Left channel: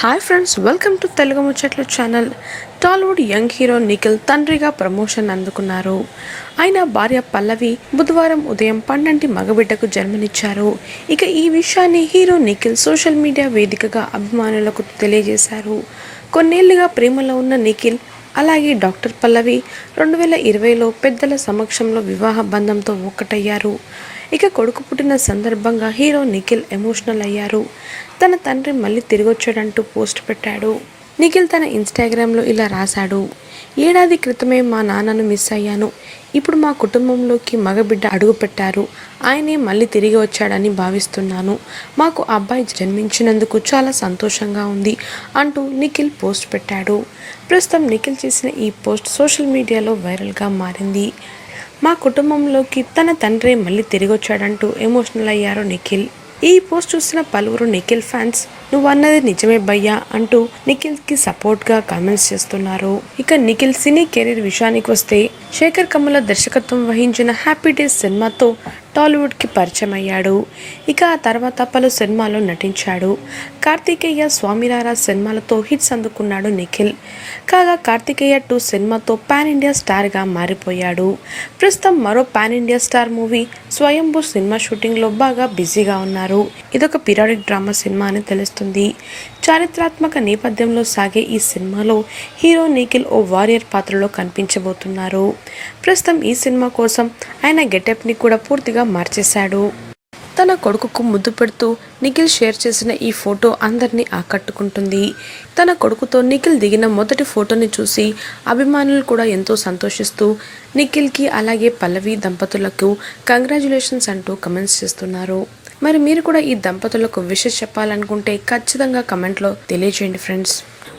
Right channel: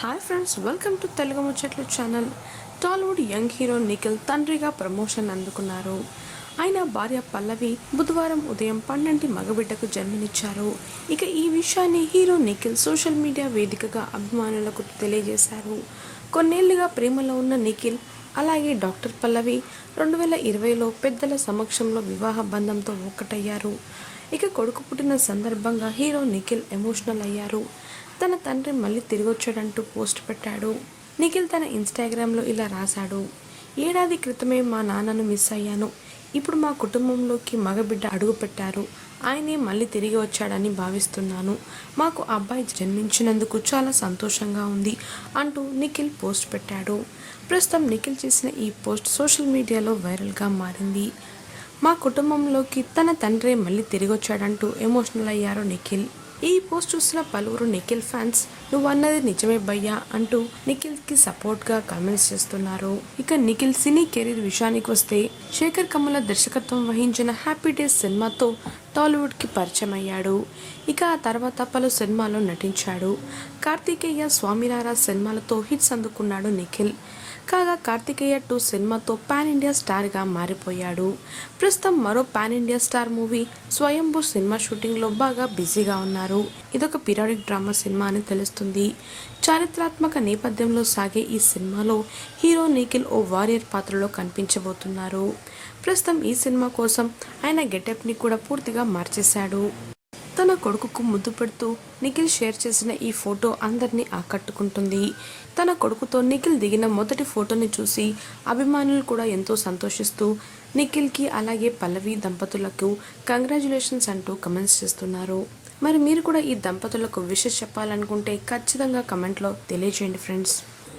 Hi friends welcome to Telugu Muchatlu channel Tollywood young hero Nikhil తండ్రిగా promotion అందుకున్నారు. ఆయన భార్య పల్లవి బుధవారం ఉదయం పన్నెంటి మగబిడ్డకు జన్మనిచ్చారు. ఇక ఈ విషయాన్ని హీరో నిఖిల్ సోషల్ మీడియా వేదికగా అభిమానులకు తెలియజేశారు. కొన్నేళ్ళుగా ప్రేమలో ఉన్న నిఖిల్ అలాగే డాక్టర్ పల్లవి రెండు వేల ఇరవైలో పెద్దల సమక్షంలో వివాహ బంధంతో ఒక్కటయ్యారు. ఇక కొడుకు పుట్టిన సందర్భంగా హీరో నిఖిల్ ఎమోషనల్ అయ్యారు. తన తండ్రి మళ్ళీ తిరిగొచ్చాడంటూ పోస్ట్ పెట్టాడు. నిఖిల్ తన ఇన్స్టాగ్రామ్లో ఇలా రాశాడు. ఏడాది క్రితమే మా నాన్నను మిస్ అయ్యాను. ఇప్పుడు మా కుటుంబంలోకి మగబిడ్డ అడుగుపెట్టారు ఆయనే మళ్ళీ తిరిగి వచ్చాడని భావిస్తున్నాను. మాకు అబ్బాయి జన్మించినందుకు చాలా సంతోషంగా ఉంది అంటూ నిఖిల్ పోస్ట్ పెట్టాడు. ప్రస్తుతం నిఖిల్ చేసిన ఈ పోస్ట్ సోషల్ మీడియాలో వైరల్గా మారింది. మా కుటుంబంలోకి తన తండ్రి మళ్ళీ తిరిగి వచ్చాడంటూ ఎమోషనల్ అయ్యారు నిఖిల్. ఈ పోస్ట్ చూసిన పలువురు నిఖిల్ ఫ్యాన్స్ నువ్వు అన్నది నిజమే భయ్యా అంటూ నిఖిల్కి సపోర్ట్గా కామెంట్స్ చేస్తున్నారు. ఇక నిఖిల్ సినీ కెరీర్ విషయానికి వస్తే శేఖర్ కమ్ముల దర్శకత్వం వహించిన హ్యాపీ డేస్ సినిమాతో టాలీవుడ్కి పరిచయం అయ్యాడు ఇక ఆ తర్వాత పలు సినిమాల్లో నటించాడు. కార్తికేయ స్వామిరారా సినిమాలతో హిట్స్ అందుకున్నాడు నిఖిల్. కాగా కార్తికేయ టూ సినిమాతో పాన్ ఇండియా స్టార్గా మారిపోయాడు. ప్రస్తుతం మరో pan India star movie Swayambhu cinema షూటింగ్లో బాగా బిజీగా ఉన్నారు. ఇదొక పీరియాడిక్ డ్రామా సినిమా అని తెలుస్తుంది. చారిత్రాత్మక నేపథ్యంలో సాగే ఈ సినిమాలో హీరో నిఖిల్ ఓ వారియర్ పాత్రలో కనిపించబోతున్నారు. ప్రస్తుతం ఈ సినిమా కోసం ఆయన గెటప్ని కూడా పూర్తిగా మార్చేశాడు. తన కొడుకుకు ముద్దు పెడుతూ నిఖిల్ షేర్ చేసిన ఈ ఫోటో అందరినీ ఆకట్టుకుంటుంది. తన కొడుకుతో నిఖిల్ దిగిన మొదటి ఫోటోని చూసి అభిమానులు కూడా ఎంతో సంతోషిస్తూ నిఖిల్కి అలాగే పల్లవి దంపతులకు కంగ్రాచులేషన్స్ అంటూ కమెంట్స్ చేస్తున్నారు. మరి మీరు కూడా ఈ దంపతులకు విషెస్ చెప్పాలనుకుంటే ఖచ్చితంగా కమెంట్లో తెలియజేయండి ఫ్రెండ్స్.